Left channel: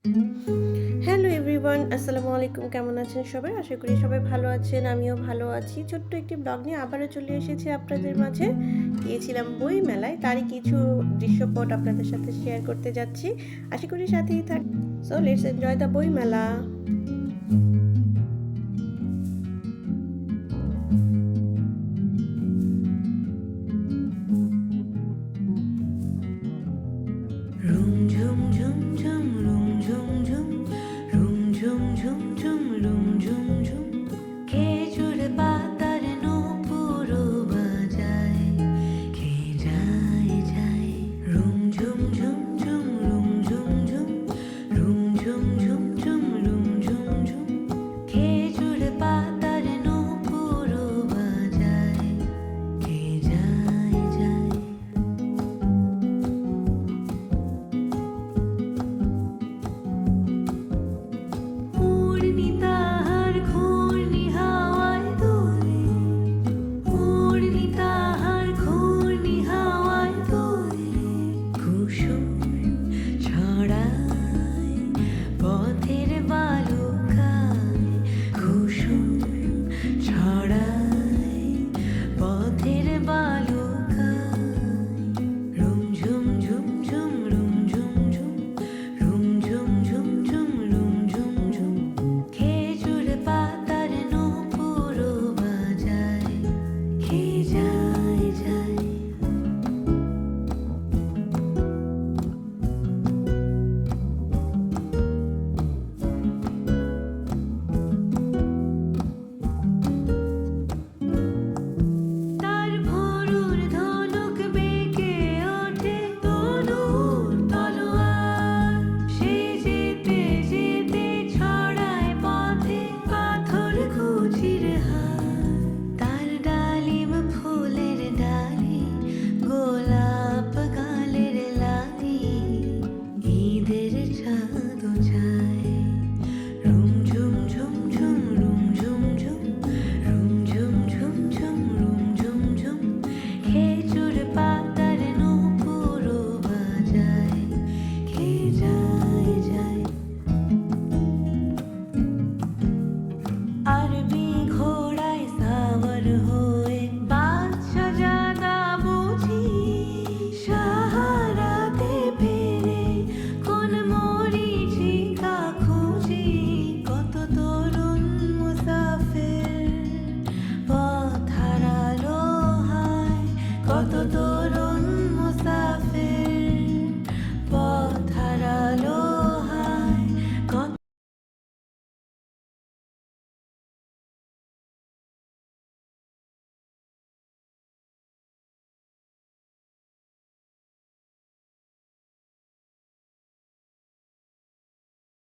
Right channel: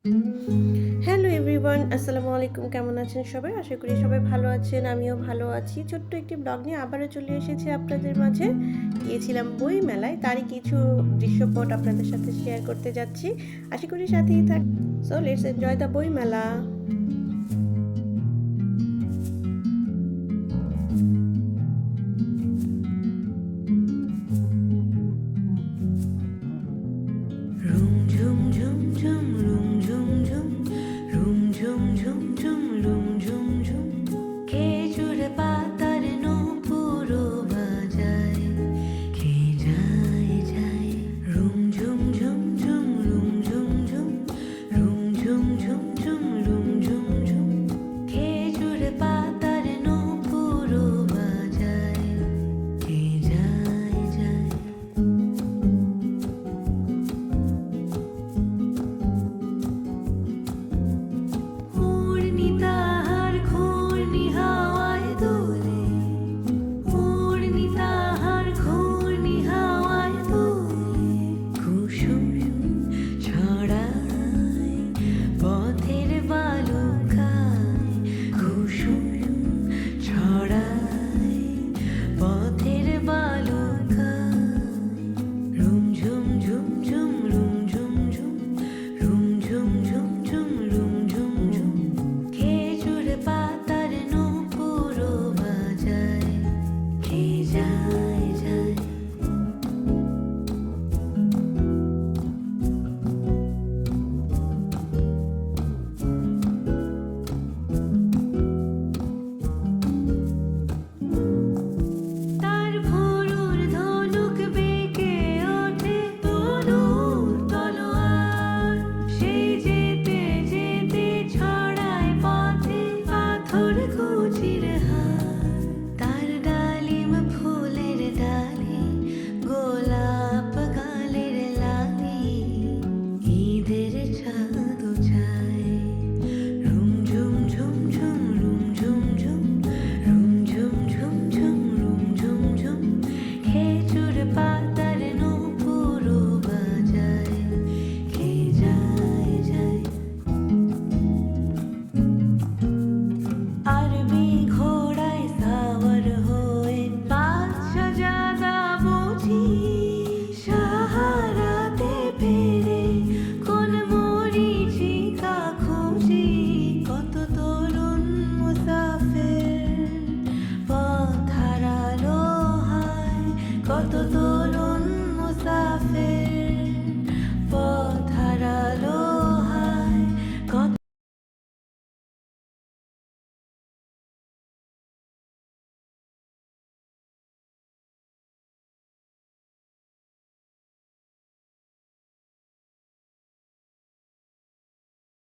Hello everyone, আসসালামু আলাইকুম। কেমন আছেন সবাই? আশা করি সবাই ভালো আছেন। আমিও ভালো আছি। ছোট্ট একটি ব্লগ নিয়ে আবারও চলে এসেছি আপনাদের মাঝে। গিয়েছিলাম বই মেলায়, তারই কিছু দৃশ্যপট আপনাদের সাথে শেয়ার করতে যাচ্ছি। আশা করি সাথেই সো লেটস এনজয় দ্য বই মেলা। রুম ঝুম ঝুম ঝুম রুম ঝুম ঝুম রুম ঝুম ঝুম ঝুম রুম ঝুম ঝুম খেজুর পাতার নূপুরও বাজায় কে যায় যায় রুম ঝুম ঝুম ঝুম রুম ঝুম ঝুম রুম ঝুম ঝুম ঝুম রুম ঝুম ঝুম খেজুর পাতার নূপুরও বাজায় কে যায় যায় ওড়নি তাহার ঘূর্ণি হাওয়ায় দোলে ওড়নি তাহার ঘূর্ণি হাওয়ায় দোলে কুসুম ছড়ায় পথের বালুকায় কুসুম ছড়ায় পথের বালুকায় রুম ঝুম ঝুম ঝুম রুম ঝুম ঝুম রুম ঝুম ঝুম ঝুম রুম ঝুম ঝুম খেজুর পাতার নূপুরও বাজায় কে যায় যায় তার ভোরুর ধনুক বেঁকে ওঠে তনুর তলোয়ার সে যেতে যেতে ছড়ায় পথে পাথর কুচির হার তার ডালিম ফুলের ডালি গোলাপ গালের লালি ঈদের চাঁদ